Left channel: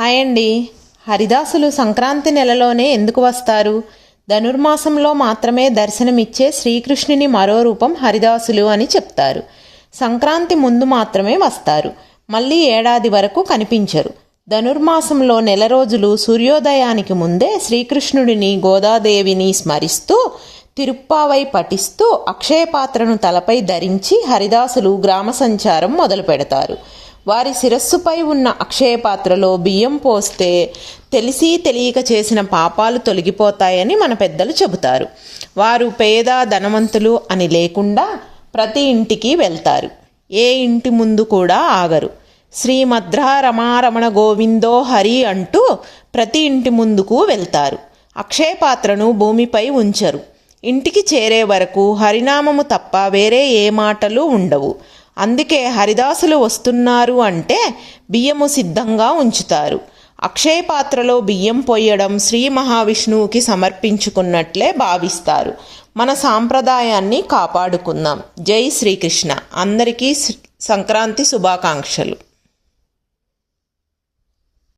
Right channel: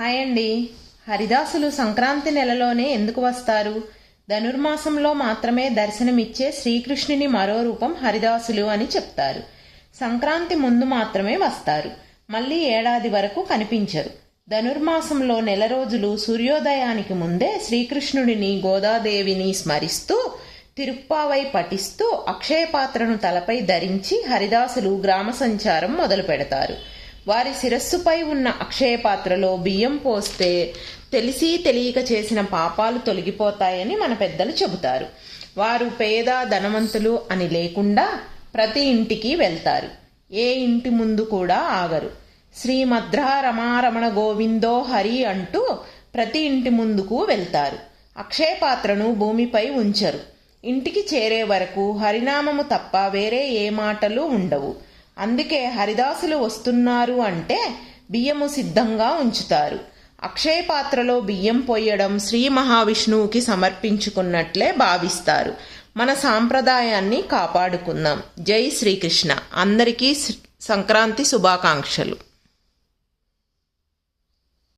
Hi అండి. హరిదాసులు సంక్రాంతి నెలలోనే ఎందుకు వస్తారు? ధనుర్మాసంలో మాత్రమే దర్శనమిచ్చే శ్రీకృష్ణుని మరో రూపం హరిదాసులు అని చెప్తారు. సంక్రాంతి ముందు మాత్రమే వస్తారు. మళ్ళీ ఏడాది వరకు కనిపించరు. ధనుర్మాసంలో నెల రోజులు సూర్యోదయానికి ముందే శ్రీకృష్ణుడిని గోదాదేవిని స్మరిస్తూ తిరుప్పావై పఠిస్తూ అక్షయపాత్రను తలపై ధరించి హరిదాసులు గ్రామ సంచారం మొదలు పెడతారు. వారి శిరస్సుపై ఉన్న అక్షయపాత్రలో బియ్యం పోస్తే తెలిసి తెలియక చేసిన పాపాలు తొలగిపోతాయని మన పెద్దలు చెబుతారు. వారు పేద ధనవంతులు అని లేకుండా ప్రతి ఇంటికి వెళ్తారు. ఏ ఇంటి ముందు కూడా ఆగరు. శ్రీమద్రా రమారమణ గోవిందో హరి అంటూ ప్రతి ఇంటి ముందుకు వెళ్తారు. అక్షయపాత్రను భూమిపై ఉంచరు. ఇంటికి చేరే వరకు హరినామము తప్ప వేరే ఏ మాటలు ఉండవు. అందుకే హరిదాసులు వస్తున్నారు అంటే బియ్యము సిద్ధంగా ఉంచుతారు. అక్షయ పాత్రలో బియ్యం పోయడం శ్రీ మహావిష్ణువుకి సమర్పించుకున్నట్లే భావిస్తారు. మన సాంప్రదాయాన్ని కాపాడుకుందాం. జై శ్రీకృష్ణ. అందరికీ సంక్రాంతి శుభాకాంక్షలు.